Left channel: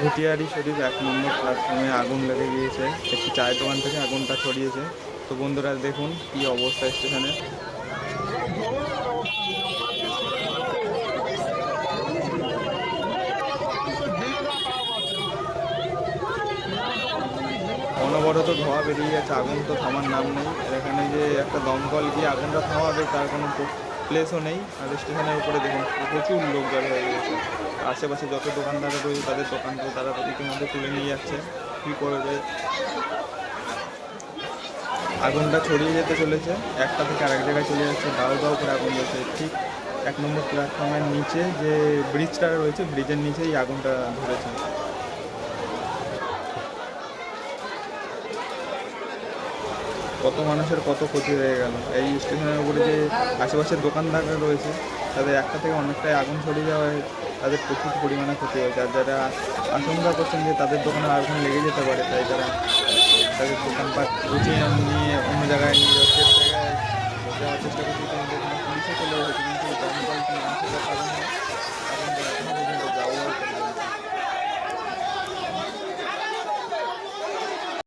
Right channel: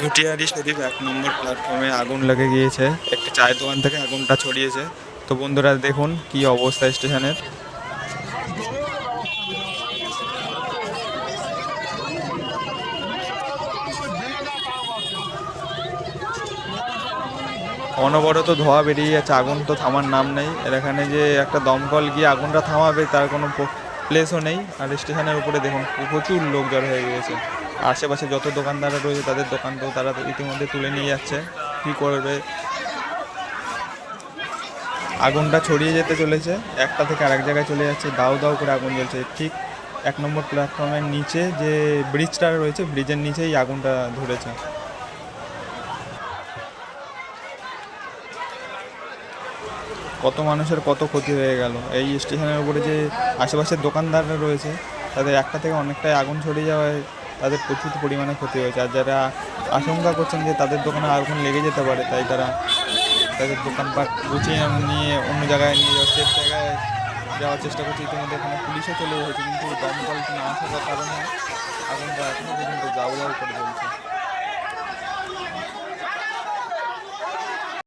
ঘুটিয়ারি শরীফ 1 নম্বর প্ল্যাটফর্মে আগুন লেগে গিয়েছে। একটি চায়ের দোকান থেকে আগুনটা ছড়িয়েছে। তো বন্ধুরা দেখুন কি অবস্থা স্টেশনের। অনবরত ধোঁয়া বেরিয়ে যাচ্ছে, আগুন তো থামার নাম নেই। এর এখানে যে একটা দমকল গিয়ে আগুনটা থামাবে তার কোনো প্লেসও নেই। আর স্টেশনের উপরে দেখুন প্রচুর লোক জড়ো হয়ে গিয়েছে। আশেপাশে যত দোকানদাররা রয়েছে তাদের দোকানকেও তারা ইতিমধ্যে তুলে নিয়ে যাচ্ছে। কী করবে, আগুনটা ছড়িয়ে যেতে চলেছে, একটা থেকে আরেক জায়গায় চলে যাচ্ছে, দাউ দাউ করে আগুন জ্বলছে। ঠিক 1 নম্বর প্ল্যাটফর্মের নিচে যে ব্রিজটা রয়েছে, ব্রিজের নিচেই আগুনটা ধরেছে। কত মানুষের কত ক্ষতি হয়ে গেল। এই স্টেশনের উপরে যে আশেপাশের দোকানদাররা রয়েছে তাদের একটা থেকে অনেকটাই আগুন ছড়িয়ে যাওয়ায় তাদের প্রচুর পরিমাণে ক্ষতি হয়েছে। আর যারা আশঙ্কা করছেন যে তাদের দোকানে আগুন লেগে যেতে পারে, তাই তারা তাদের দোকানপাট গুছিয়ে নিয়ে অন্য জায়গায় নিয়ে যাওয়ার চেষ্টা করছে। ইতিমধ্যে এখানে পুলিশও চলে এসেছে, কিন্তু দমকল না আসার কারণে আগুনটা এখনও পর্যন্ত গাউ গাউ করে